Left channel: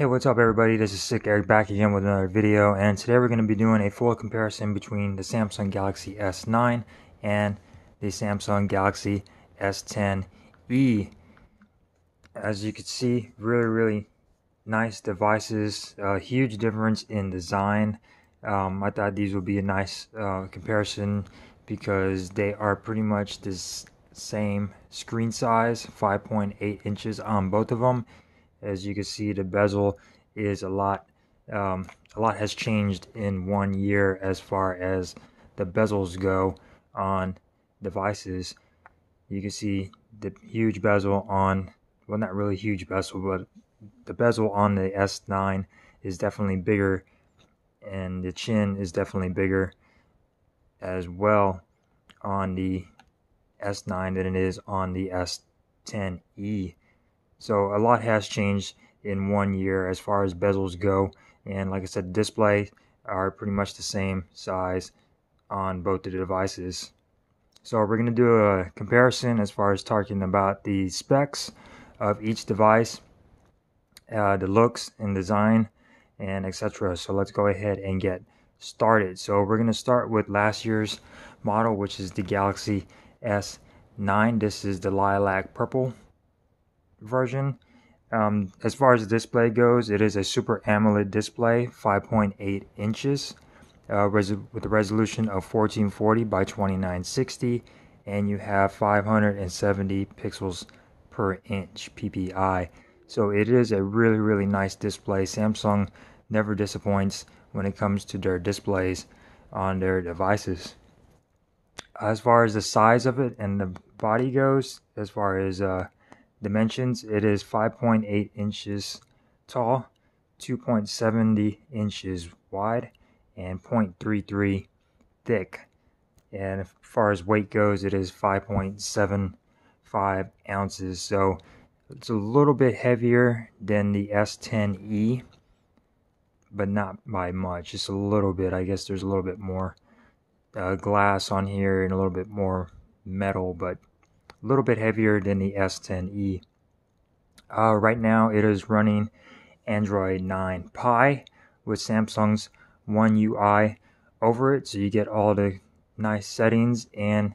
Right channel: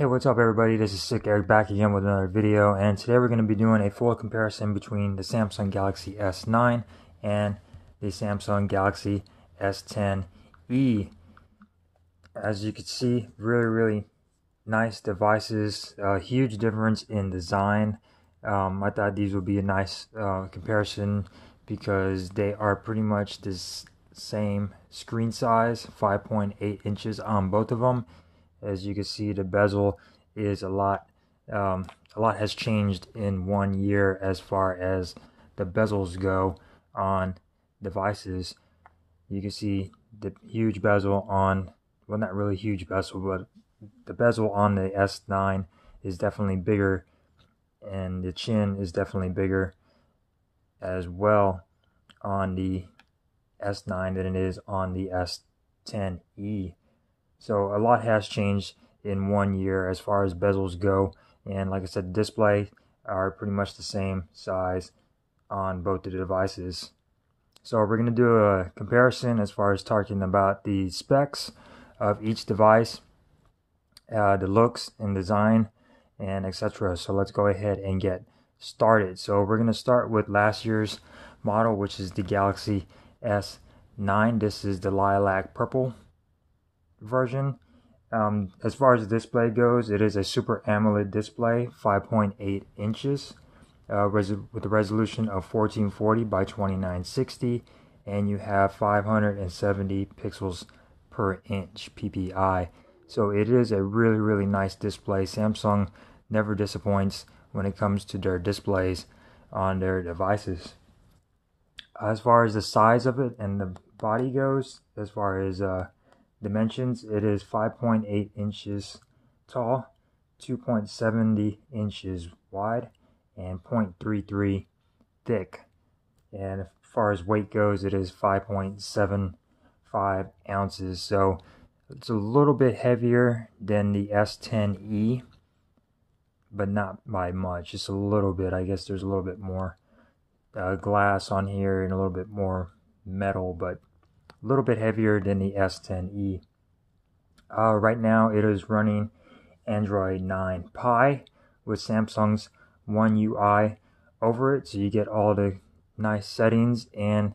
Hey, what's up everybody? This is Sick Eric back again with another video, and today we're going to be doing a full comparison between the Samsung Galaxy S9 and the Samsung Galaxy S10e. As you can see, really nice devices, huge difference in design. I thought these would be a nice comparison because they are pretty much the same screen size, 5.8 inches on both of them. As you can see, the bezel is a lot has changed in 1 year as far as the bezels go on devices. You can see the huge bezel on, well, not really huge bezel, but the bezel on the S9 is definitely bigger, and the chin is definitely bigger as well on the S9 than it is on the S10e. So a lot has changed in 1 year as far as bezels go, and like I said, displays are pretty much the same size on both the devices. So we're going to do a comparison as far as talking about the specs of each device, the looks and design, and etc. So let's go ahead and get started. So we're going to start with last year's model, which is the Galaxy S9. This is the lilac purple version. As far as the display goes, it is a Super AMOLED display, 5.8 inches with a resolution of 1440 by 2960, and you have 570 pixels per inch PPI. So it is a really nice display. Samsung never disappoints when it comes to their displays on their devices. As far as the size of it and the body goes, as far as dimensions, it is 5.8 inches tall, 2.70 inches wide, and 0.33 thick. And as far as weight goes, it is 5.75 ounces. So it's a little bit heavier than the S10e, but not by much. Just a little bit. I guess there's a little bit more glass on here and a little bit more metal, but a little bit heavier than the S10e. Right now it is running Android 9 Pie with Samsung's One UI over it, so you get all the nice settings and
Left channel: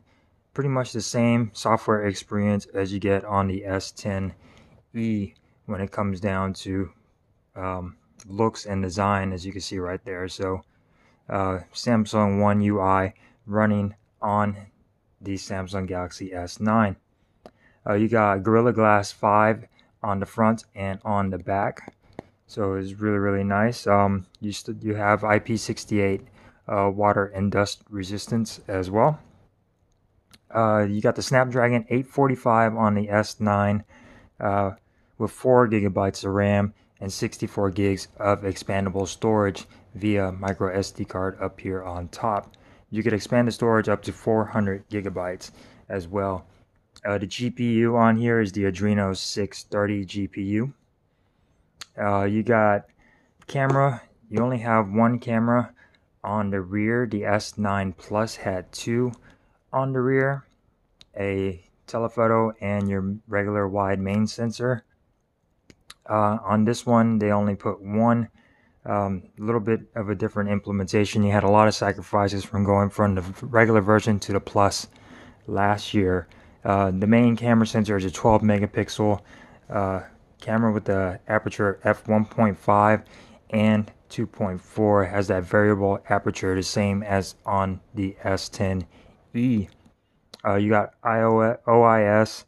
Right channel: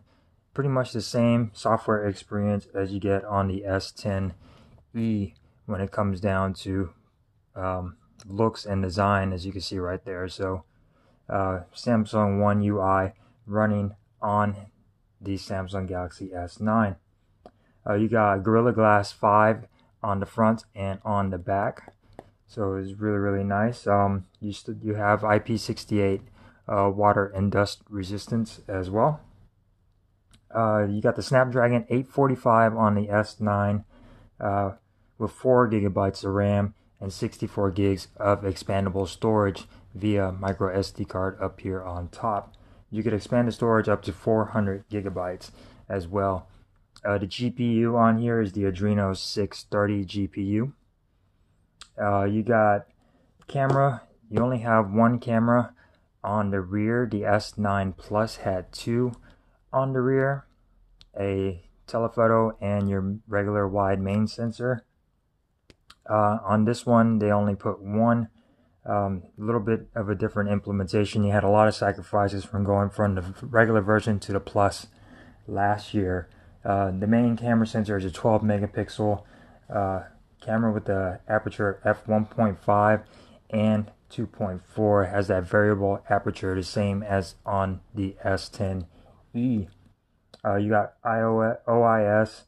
pretty much the same software experience as you get on the S10e when it comes down to looks and design, as you can see right there. So Samsung One UI running on the Samsung Galaxy S9. You got Gorilla Glass 5 on the front and on the back, so it's really nice. You have IP68 water and dust resistance as well. You got the Snapdragon 845 on the S9 with 4 gigabytes of RAM and 64 gigs of expandable storage via micro SD card up here on top. You could expand the storage up to 400 gigabytes as well. The GPU on here is the Adreno 630 GPU. You got camera. You only have one camera on the rear. The S9 Plus had 2 on the rear, a telephoto and your regular wide main sensor. On this one, they only put one. A little bit of a different implementation. You had a lot of sacrifices from going from the regular version to the Plus last year. The main camera sensor is a 12 megapixel camera with the aperture f1.5 and 2.4. Has that variable aperture, the same as on the S10e. You got OIS,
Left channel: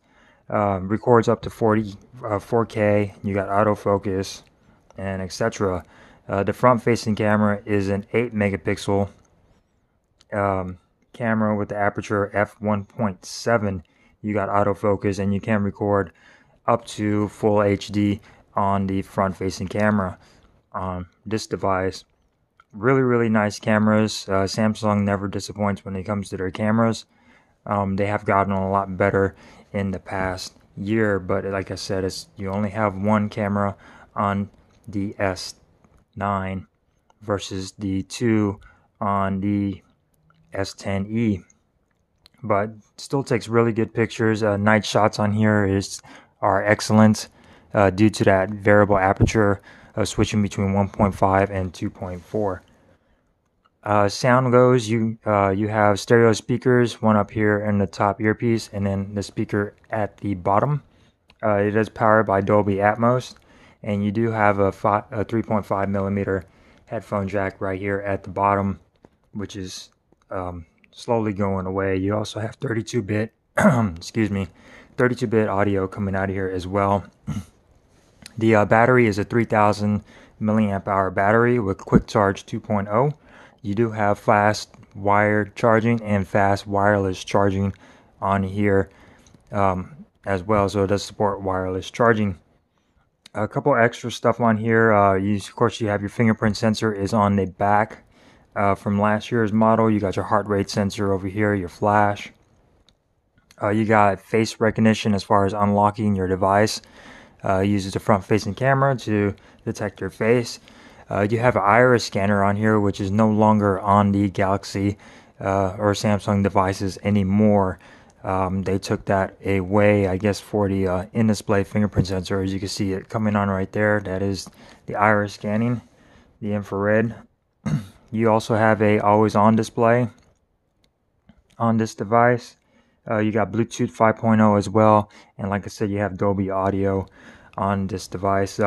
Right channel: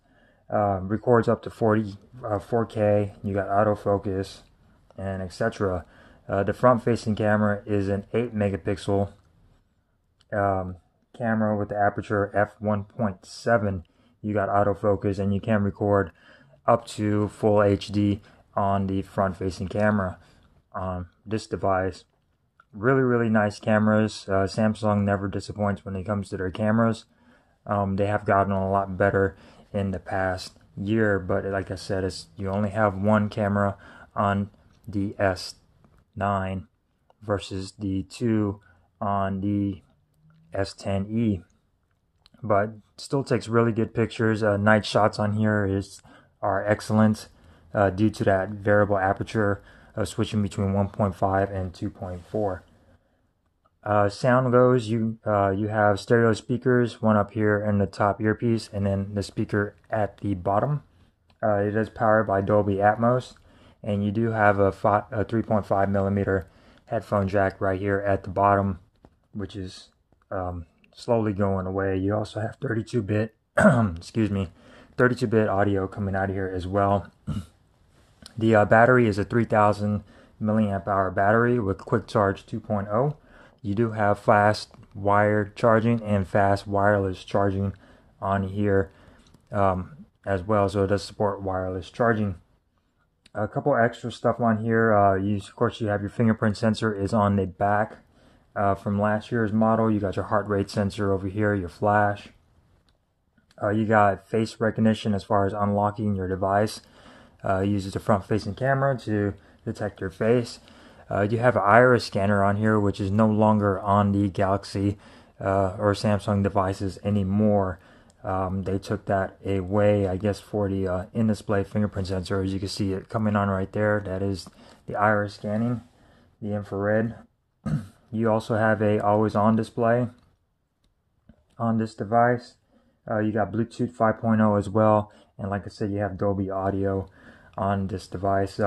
records up to 4K. You got autofocus and etc. The front-facing camera is an 8 megapixel camera with the aperture f1.7. You got autofocus, and you can record up to full HD on the front-facing camera on this device. Really nice cameras. Samsung never disappoints when it comes to their cameras. They have gotten a lot better in the past year, but like I said, you only have one camera on the S9 versus the 2 on the S10e. But still takes really good pictures. Night shots on here are excellent due to that variable aperture switching between 1.5 and 2.4. Sound goes, you have stereo speakers, one up here in the top earpiece, and then the speaker at the bottom. It is powered by Dolby Atmos, and you do have a 3.5 millimeter headphone jack right here at the bottom, which is slowly going away. You also have 32-bit, excuse me, 32-bit audio coming out of here as well. The battery is a 3000 milliamp hour battery with quick charge 2.0. You do have fast wired charging and fast wireless charging on here as well, so it does support wireless charging. A couple extra stuff on here. Of course, you have your fingerprint sensor is on the back from last year's model. You got your heart rate sensor over here, your flash. You got face recognition as far as unlocking your device. Uses a front-facing camera to detect your face. You have an iris scanner on here, which is no longer on the Galaxy or Samsung devices anymore. They took that away, I guess, for the in-display fingerprint sensor. As you can see it coming on right there, that is the iris scanning, the infrared. You also have a always-on display on this device. You got Bluetooth 5.0 as well, and like I said, you have Dolby Audio on this device.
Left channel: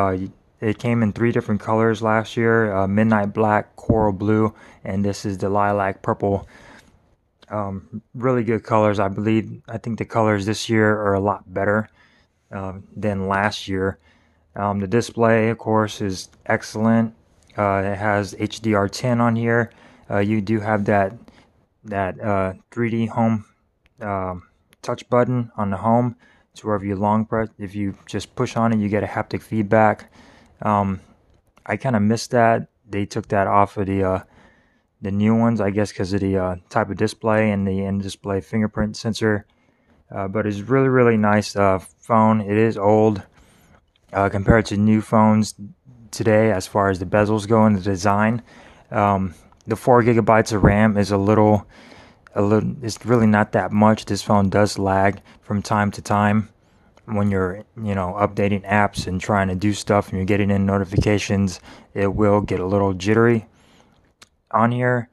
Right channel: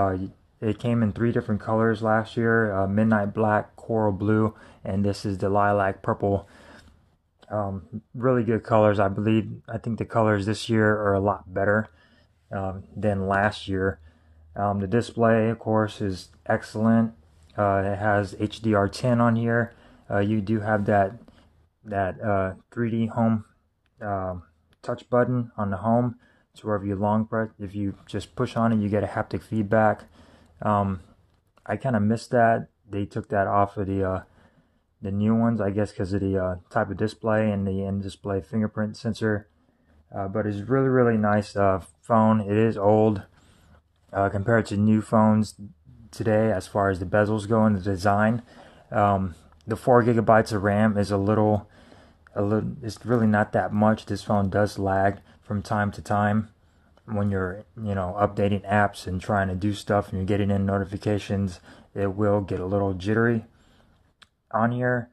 It came in 3 different colors last year: midnight black, coral blue, and this is the lilac purple. Really good colors. I think the colors this year are a lot better than last year. The display, of course, is excellent. It has HDR10 on here. You do have that 3D home touch button on the home. So wherever you long press, if you just push on it, you get a haptic feedback. I kind of missed that. They took that off of the new ones, I guess, because of the type of display and the in-display fingerprint sensor. But it's really nice phone. It is old compared to new phones today as far as the bezels go and the design. The 4 gigabytes of RAM is it's really not that much. This phone does lag from time to time when you're updating apps and trying to do stuff and you're getting in notifications. It will get a little jittery on here.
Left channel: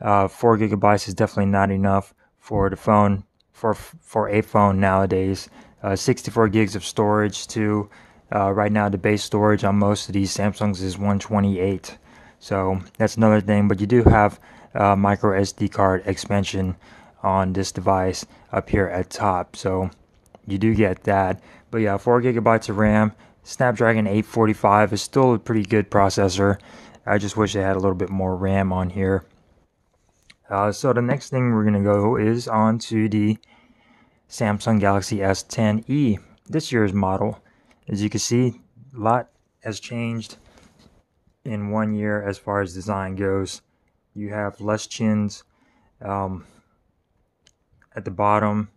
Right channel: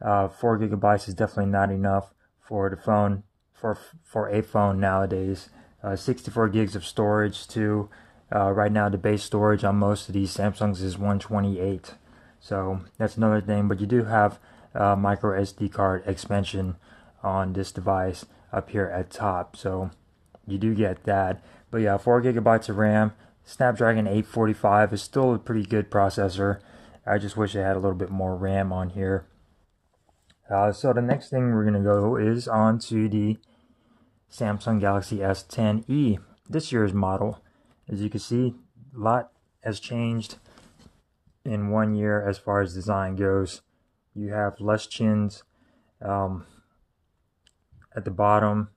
4 gigabytes is definitely not enough for the phone, for a phone nowadays. 64 gigs of storage too. Right now the base storage on most of these Samsungs is 128, so that's another thing. But you do have micro SD card expansion on this device up here at top, so you do get that. But yeah, 4 gigabytes of RAM. Snapdragon 845 is still a pretty good processor. I just wish it had a little bit more RAM on here. So the next thing we're gonna go is on to the Samsung Galaxy S10e, this year's model. As you can see, a lot has changed in 1 year as far as design goes. You have less chins at the bottom.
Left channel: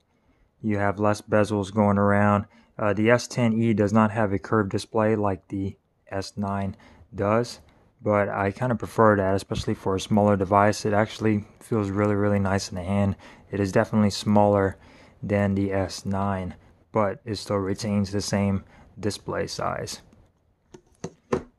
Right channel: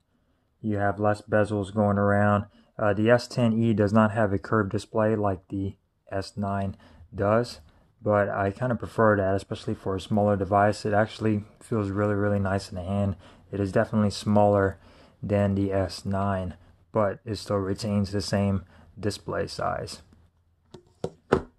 You have less bezels going around. The S10e does not have a curved display like the S9 does, but I kind of prefer that, especially for a smaller device. It actually feels really nice in the hand. It is definitely smaller than the S9, but it still retains the same display size.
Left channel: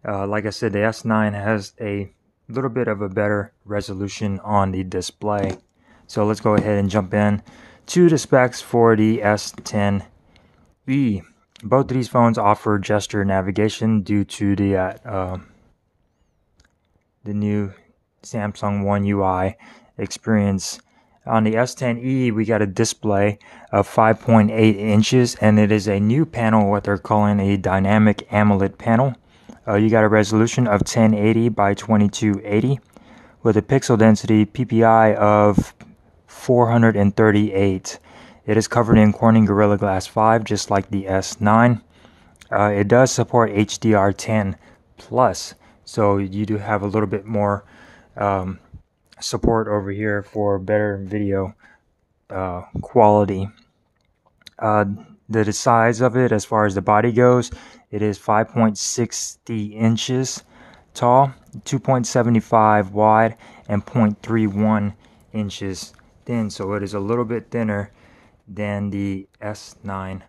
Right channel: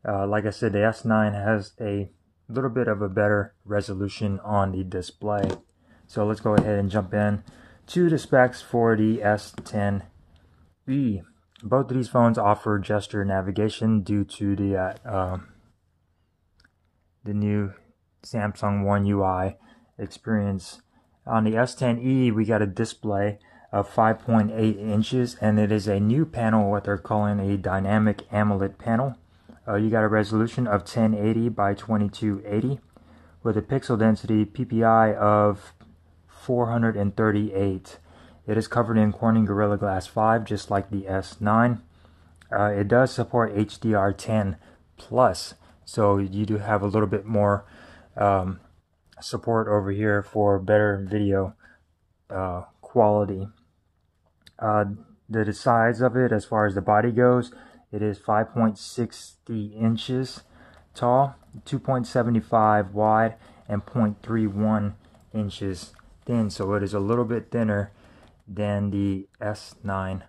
Like I said, the S9 has a little bit of a better resolution on the display. So let's go ahead and jump in to the specs for the S10e. Both of these phones offer gesture navigation due to the new Samsung One UI experience. On the S10e, we got a display of 5.8 inches, and it is a new panel, what they're calling a dynamic AMOLED panel. You got a resolution of 1080 by 2280 with a pixel density PPI of 438. It is covered in Corning Gorilla Glass 5, just like the S9. It does support HDR10 plus, so you do have a little bit more support over here for better video quality. The size of it, as far as the body goes, it is 5.60 inches tall, 2.75 wide, and 0.31 inches thin. So it is a little bit thinner than the S9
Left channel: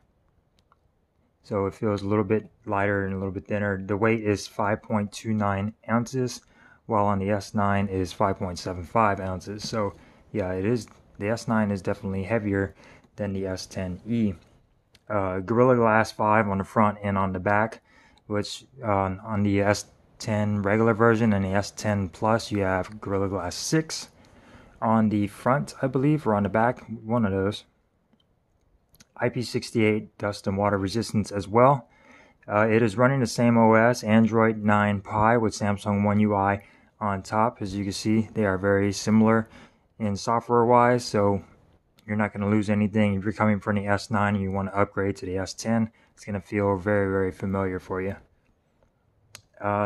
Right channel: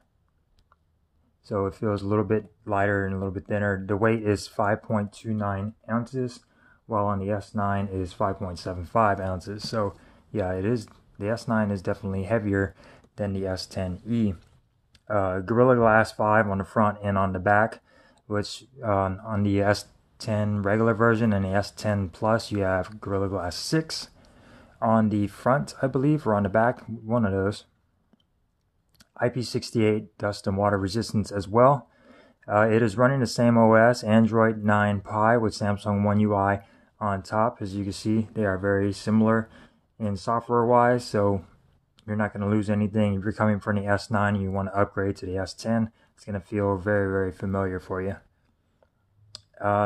so it feels a little bit lighter and a little bit thinner. The weight is 5.29 ounces, while on the S9 is 5.75 ounces. So yeah, it is, the S9 is definitely heavier than the S10e. Gorilla Glass 5 on the front and on the back, which on the S10 regular version and the S10 Plus you have Gorilla Glass 6 on the front, I believe, or on the back, one of those. IP68 dust and water resistance as well. It is running the same OS, Android 9 Pie, with Samsung One UI on top. As you can see, they are very similar in software wise, so you're not going to lose anything. If you're coming from the S9 and you want to upgrade to the S10, it's going to feel very, very familiar for you.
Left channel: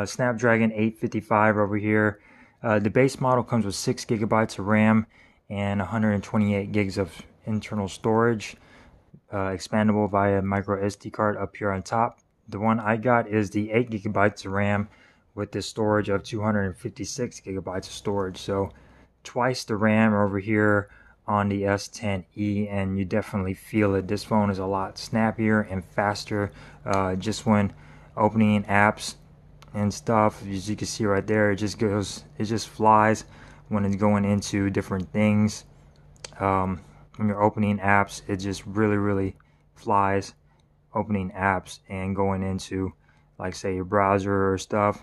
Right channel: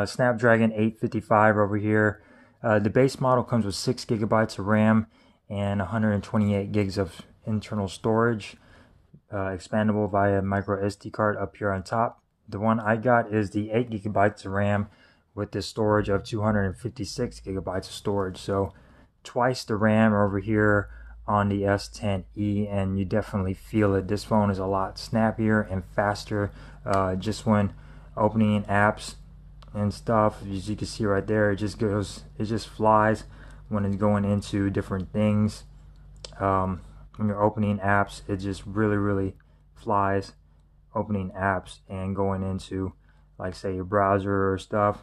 Snapdragon 855 over here. The base model comes with 6 gigabytes of RAM and 128 gigs of internal storage, expandable via micro SD card up here on top. The one I got is the 8 gigabytes of RAM with the storage of 256 gigabytes of storage, so twice the RAM over here on the S10e, and you definitely feel it. This phone is a lot snappier and faster, just when opening apps and stuff. As you can see right there, it just flies when it's going into different things. When you're opening apps, it just really flies opening apps and going into, like, say, your browser or stuff.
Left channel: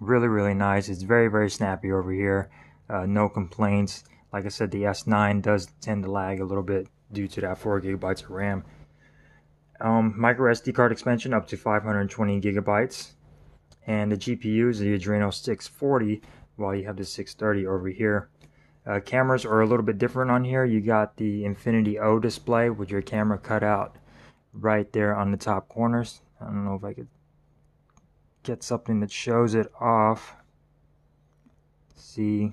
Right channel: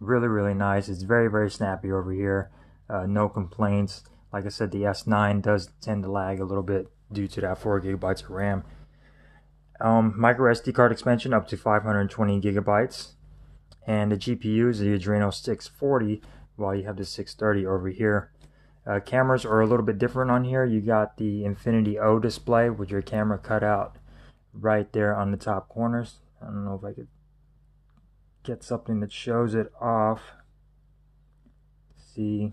Really nice. It's very snappy over here. No complaints. Like I said, the S9 does tend to lag a little bit due to that 4 gigabytes of RAM. Micro SD card expansion up to 520 gigabytes. And the GPU is the Adreno 640, while you have the 630 over here. Cameras are a little bit different on here. You got the Infinity O display with your camera cut out right there on the top corners. I don't know if I could get something that shows it off. See,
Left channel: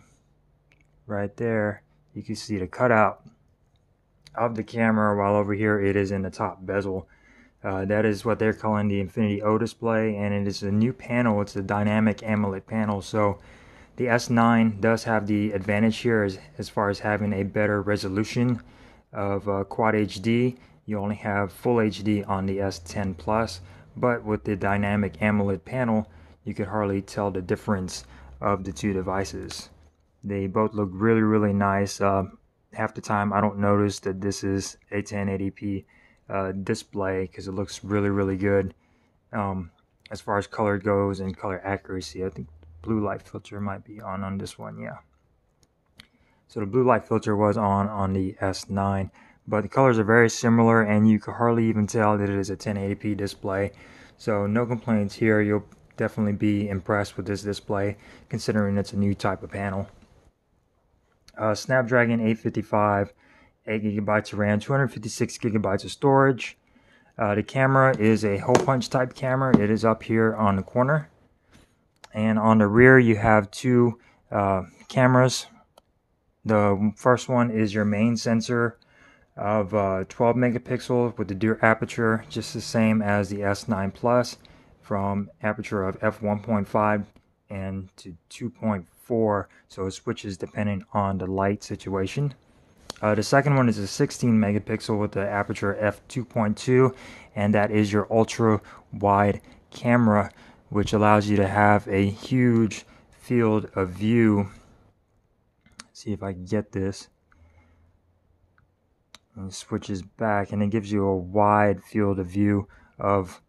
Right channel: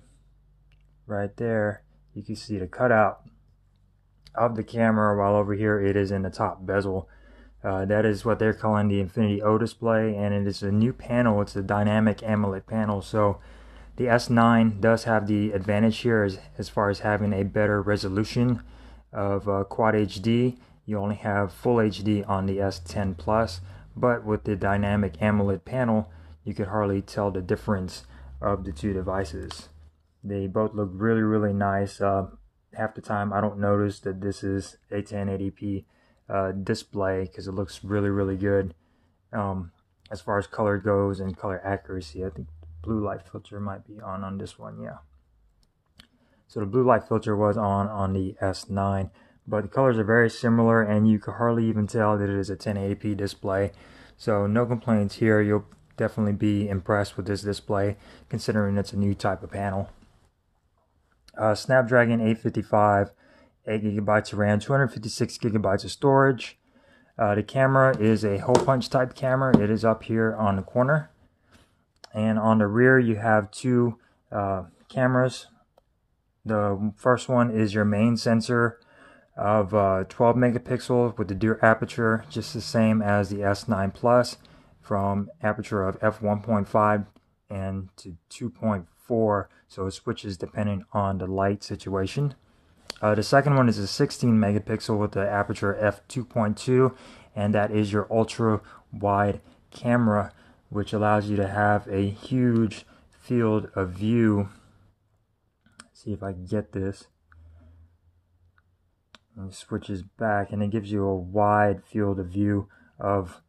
right there, you can see the cutout of the camera, while over here it is in the top bezel. That is what they're calling the Infinity O display, and it is a new panel. It's a dynamic AMOLED panel, so the S9 does have the advantage here as far as having a better resolution of Quad HD. You only have Full HD on the S10 Plus, but with the dynamic AMOLED panel, you could hardly tell the difference of the two devices. They both look really nice. Half the time I don't notice that this is a 1080p display, because it looks really good as far as color goes and color accuracy. I think blue light filter might be on this one. Yeah, so the blue light filter was on the S9, but the colors are very similar, and you can hardly even tell that it is a 1080p display. So no complaints here. You'll definitely be impressed with this display, considering it's a new type of panel. Snapdragon 855, 8 gigabytes of RAM, 256 gigabytes of storage. The camera is a hole punch type camera. It is up here on the corner, and on the rear you have two cameras. The first one is your main sensor of 12 megapixels with the dual aperture, just the same as the S9 Plus, from aperture of f1.5 and to 2.4, so it switches depending on the light situation. The second one is a 16 megapixel with the aperture f2.2, and that is your ultra wide camera, which allows you to have a huge field of view. Let's see if I can get this. And it switches back, and it gives you a wide field of view of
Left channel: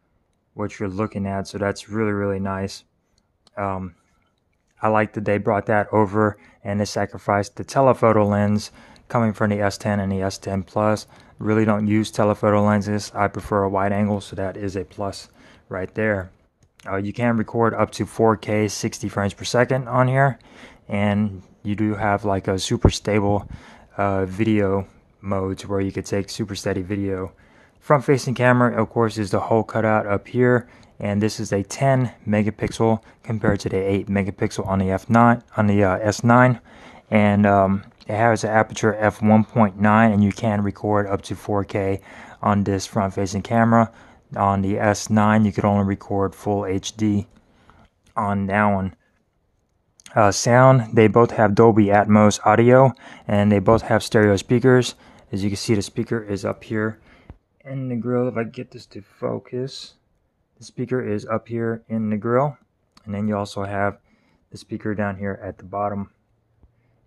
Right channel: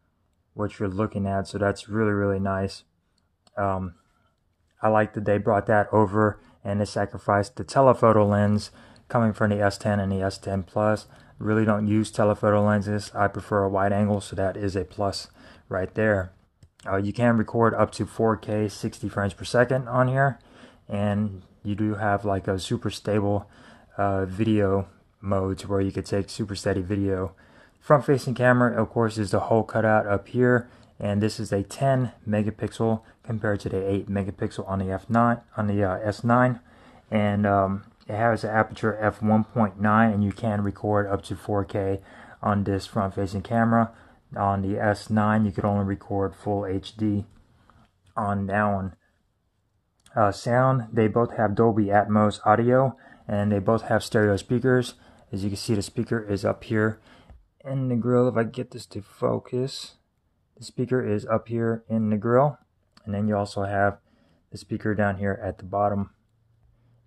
what you're looking at, so that's really nice. I like that they brought that over, and they sacrificed the telephoto lens coming from the S10 and the S10 Plus. Really don't use telephoto lenses. I prefer a wide angle, so that is a plus right there. You can record up to 4K 60 frames per second on here, and you do have like a super stable video modes where you could take super steady video. Front facing camera, of course, is the whole cutout up here, and this is a 10 megapixel compared to the 8 megapixel on the S9, and it has an aperture f1.9, and you can record up to 4K on this front facing camera. On the S9 you could only record full HD on that one. Sound, they both have Dolby Atmos audio, and they both have stereo speakers. As you can see, the speaker is up here, in the grill. If I get this to focus, the speaker is up here in the grill, and then you also have the speaker down here at the bottom.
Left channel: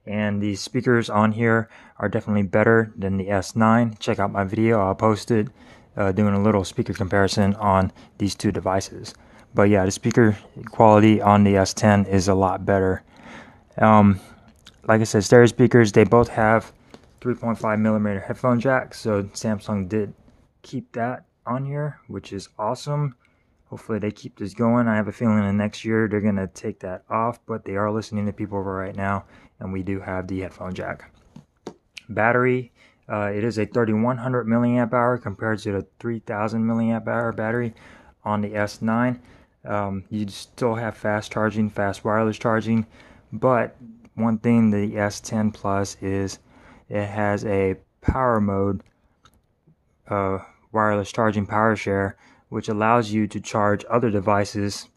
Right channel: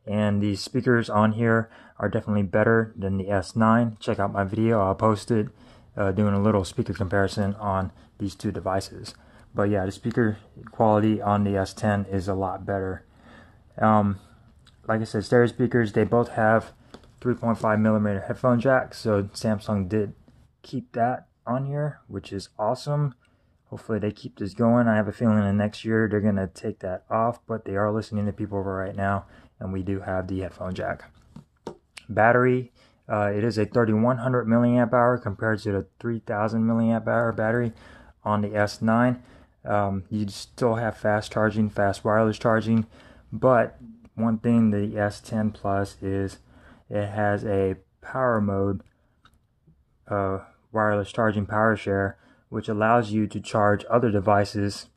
And the speakers on here are definitely better than the S9. Check out my video, I'll post it, doing a little speaker comparison on these two devices. But yeah, the speaker quality on the S10 is a lot better. Like I said, stereo speakers, they both have 3.5mm headphone jack, so Samsung did keep that on here, which is awesome. Hopefully they keep this going. I have a feeling in the next year they're going to take that off, but they are listening to people right now, and we do have the headphone jack. Battery, it is a 3100 milliamp hour compared to the 3000 milliamp hour battery on the S9. You still have fast charging, fast wireless charging, but one thing the S10 Plus is it has a power mode, wireless charging power share, which allows you to charge other devices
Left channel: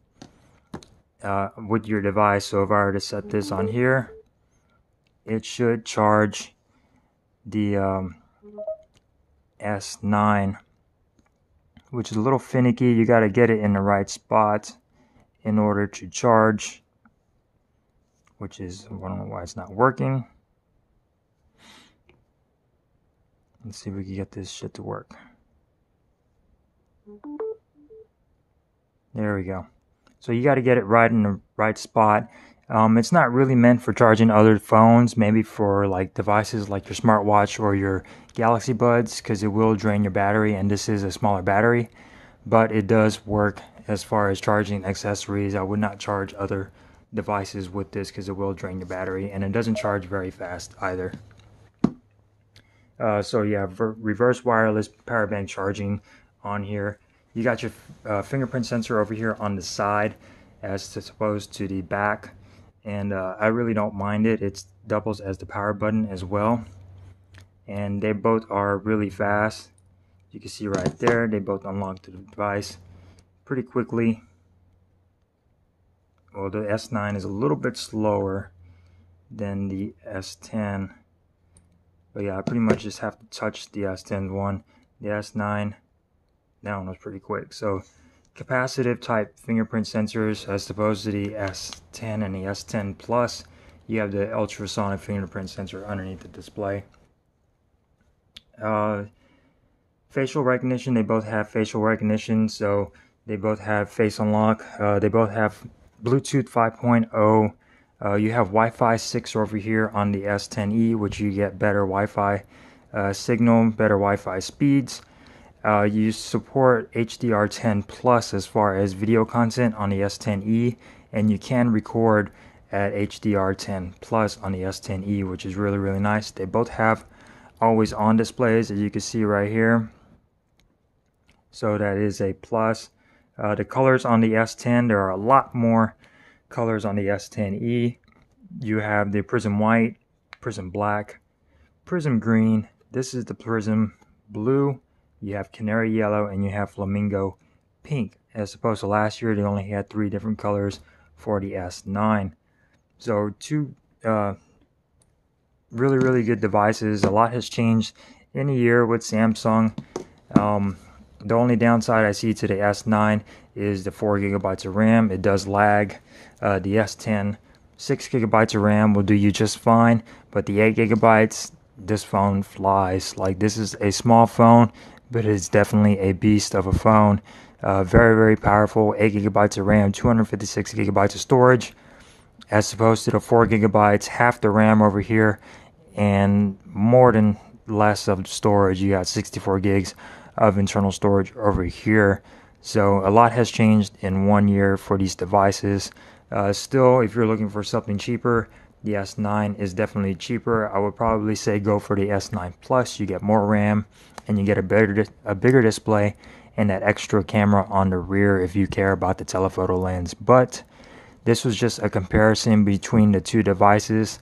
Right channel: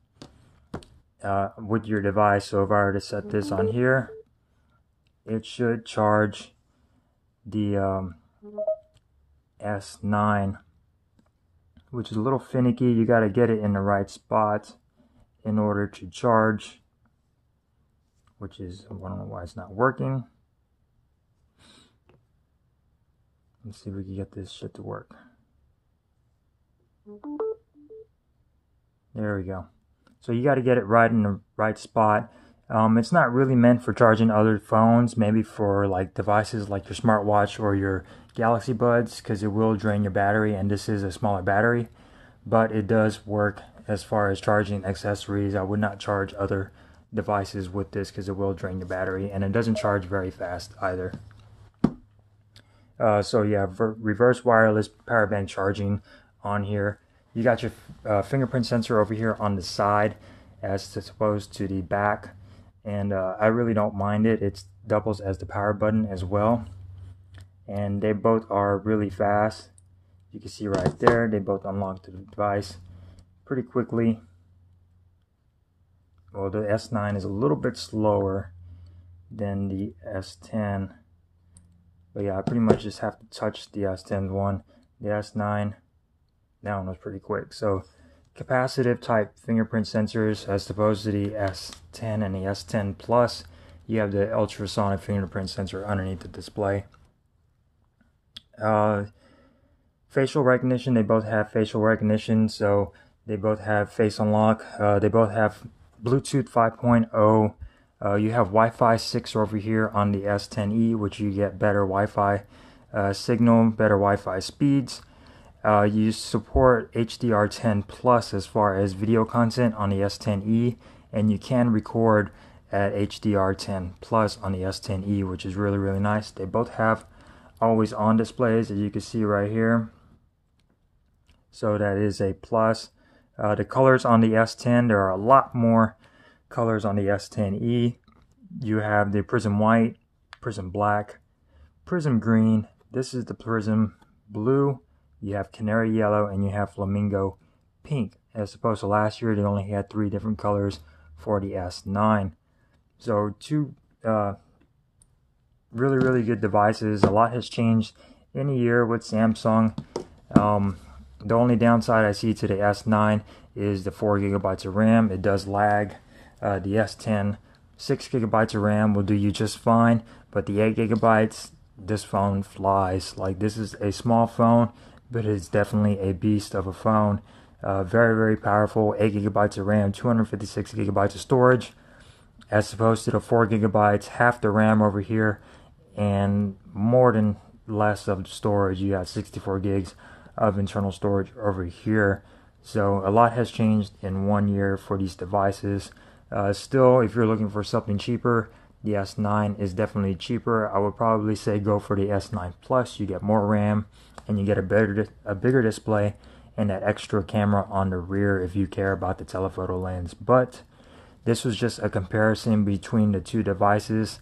with your device. So if I were to set this on here, it should charge the S9, which is a little finicky. You got to get it in the right spot in order to charge, which is, I don't know why it's not working. Let's see if we can get this shit to work. There we go. So you got to get it right in the right spot. It's not really meant for charging other phones, maybe for like devices like your smartwatch or your Galaxy Buds, because it will drain your battery, and this is a smaller battery, but it does work as far as charging accessories. I would not charge other devices with this because it will drain your battery, and it doesn't charge very fast either. So yeah, reverse wireless power bank charging on here. You got your fingerprint sensor over here on the side as opposed to the back, and I really don't mind it. It doubles as the power button as well, and they both are really fast. You can see right there, they both unlock the device pretty quickly. Well, the S9 is a little bit slower than the S10, but yeah, I pretty much just have to touch the S10 one. The S9, that one was pretty quick. So capacitive type fingerprint sensors as opposed to the S10 and the S10 Plus, you have the ultrasonic fingerprint sensor underneath the display. Facial recognition, they both have facial recognition, so they both have face unlock. They both have Bluetooth 5.0. You have Wi-Fi 6 over here on the S10e, which you get better Wi-Fi signal, better Wi-Fi speeds. You support HDR10 Plus as far as video content on the S10e, and you can record at HDR10 Plus on the S10e, which is really, really nice. They both have always on displays, as you can see right here. So that is a plus. The colors on the S10, there are a lot more colors on the S10e. You have the Prism White, Prism Black, Prism Green. This is the Prism Blue. You have Canary Yellow, and you have Flamingo Pink. As opposed to last year, they only had 3 different colors for the S9. So two really, really good devices. A lot has changed in a year with Samsung. The only downside I see to the S9 is the 4 GB of RAM. It does lag. The S10, 6 GB of RAM will do you just fine, but the 8 GB, this phone flies. Like, this is a small phone, but it's definitely a beast of a phone. Very, very powerful. 8 GB of RAM, 256 GB of storage, as opposed to the 4 GB, half the RAM over here, and more than less of the storage. You got 64 gigs of internal storage over here. So a lot has changed in 1 year for these devices. Still, if you're looking for something cheaper, the S9 is definitely cheaper. I would probably say go for the S9 Plus. You get more RAM, and you get a bigger display, and that extra camera on the rear if you care about the telephoto lens. But this was just a comparison between the two devices.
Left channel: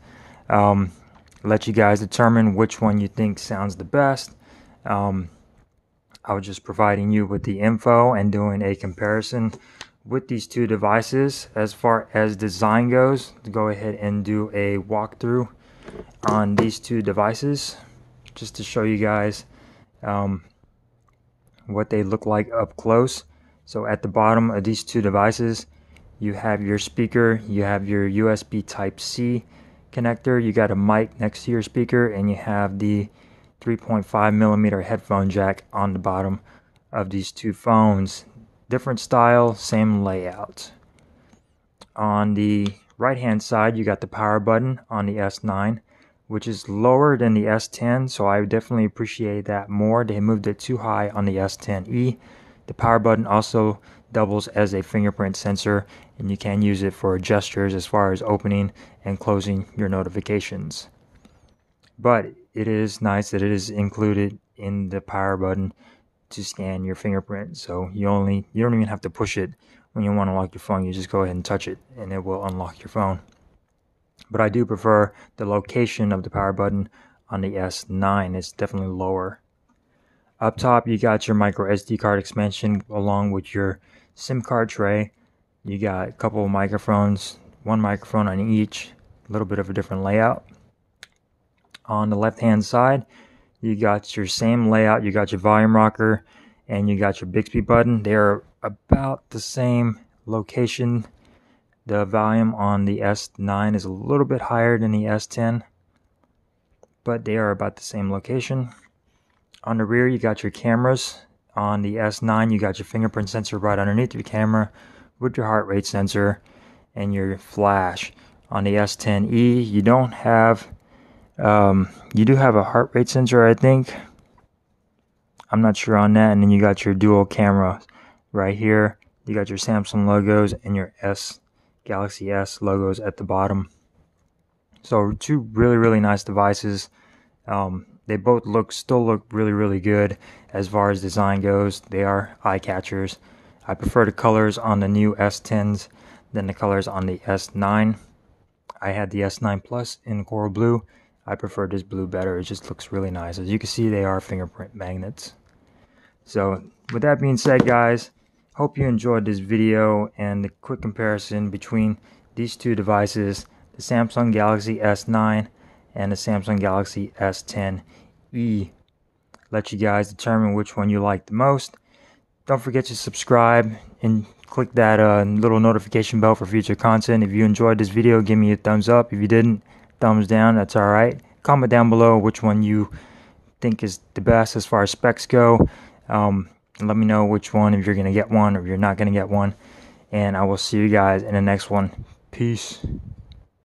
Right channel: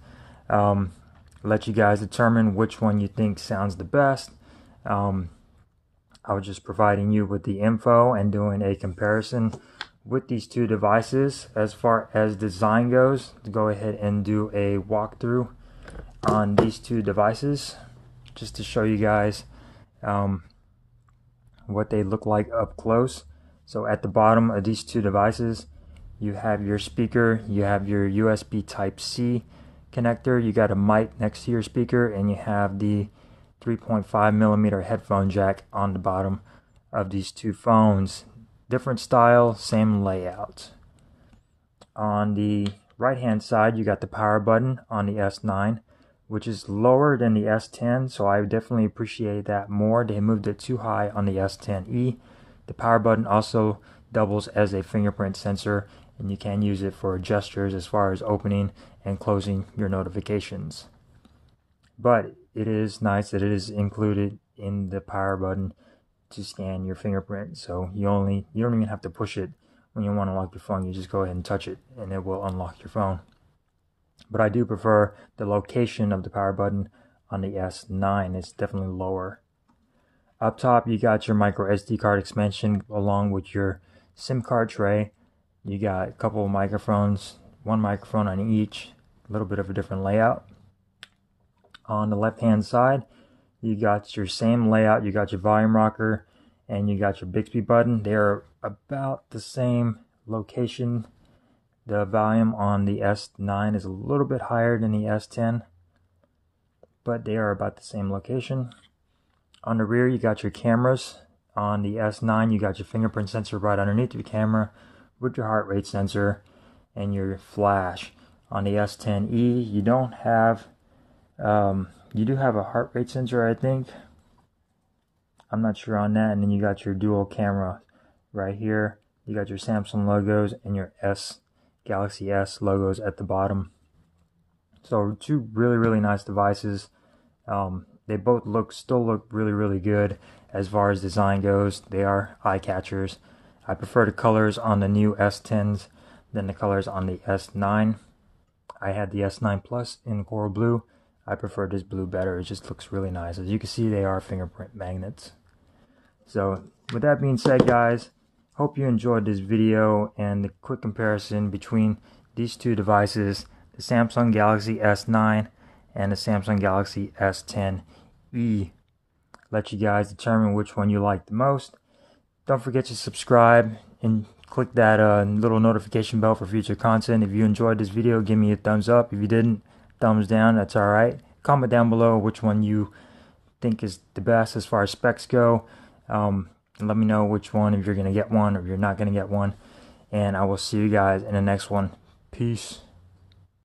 Let you guys determine which one you think sounds the best. I was just providing you with the info and doing a comparison with these two devices. As far as design goes, go ahead and do a walkthrough on these two devices just to show you guys what they look like up close. So at the bottom of these two devices, you have your speaker, you have your USB Type-C connector, you got a mic next to your speaker, and you have the 3.5mm headphone jack on the bottom of these two phones. Different style, same layout. On the right hand side, you got the power button on the S9, which is lower than the S10, so I would definitely appreciate that more. They moved it too high on the S10e. The power button also doubles as a fingerprint sensor, and you can use it for gestures as far as opening and closing your notifications. But it is nice that it is included in the power button to scan your fingerprint, so you don't even have to push it when you want to lock your phone. You just go ahead and touch it and it will unlock your phone. But I do prefer the location of the power button on the S9. It's definitely lower. Up top, you got your micro SD card expansion along with your SIM card tray. You got a couple of microphones, one microphone on each, a little bit of a different layout. On the left hand side, you got your same layout. You got your volume rocker and you got your Bixby button. They are about the same location. The volume on the S9 is a little bit higher than the S10, but they are about the same location. On the rear, you got your cameras. On the S9, you got your fingerprint sensor right underneath your camera with your heart rate sensor and your flash. On the S10e, you don't have, you do have a heart rate sensor, I think. I'm not sure on that. And then you got your dual camera right here. You got your Samsung logos and your Galaxy S logos at the bottom. So two really nice devices. They both still look really good as far as design goes. They are eye catchers. I prefer the colors on the new S10s than the colors on the S9. I had the S9 Plus in coral blue. I prefer this blue better. It just looks really nice. As you can see, they are fingerprint magnets. So with that being said, guys, hope you enjoyed this video and the quick comparison between these two devices, the Samsung Galaxy S9 and the Samsung Galaxy S10e. Let you guys determine which one you like the most. Don't forget to subscribe and click that little notification bell for future content. If you enjoyed this video, give me a thumbs up. If you didn't, thumbs down. That's alright. Comment down below which one you think is the best as far as specs go. Let me know which one, if you're going to get one or if you're not going to get one. And I will see you guys in the next one. Peace.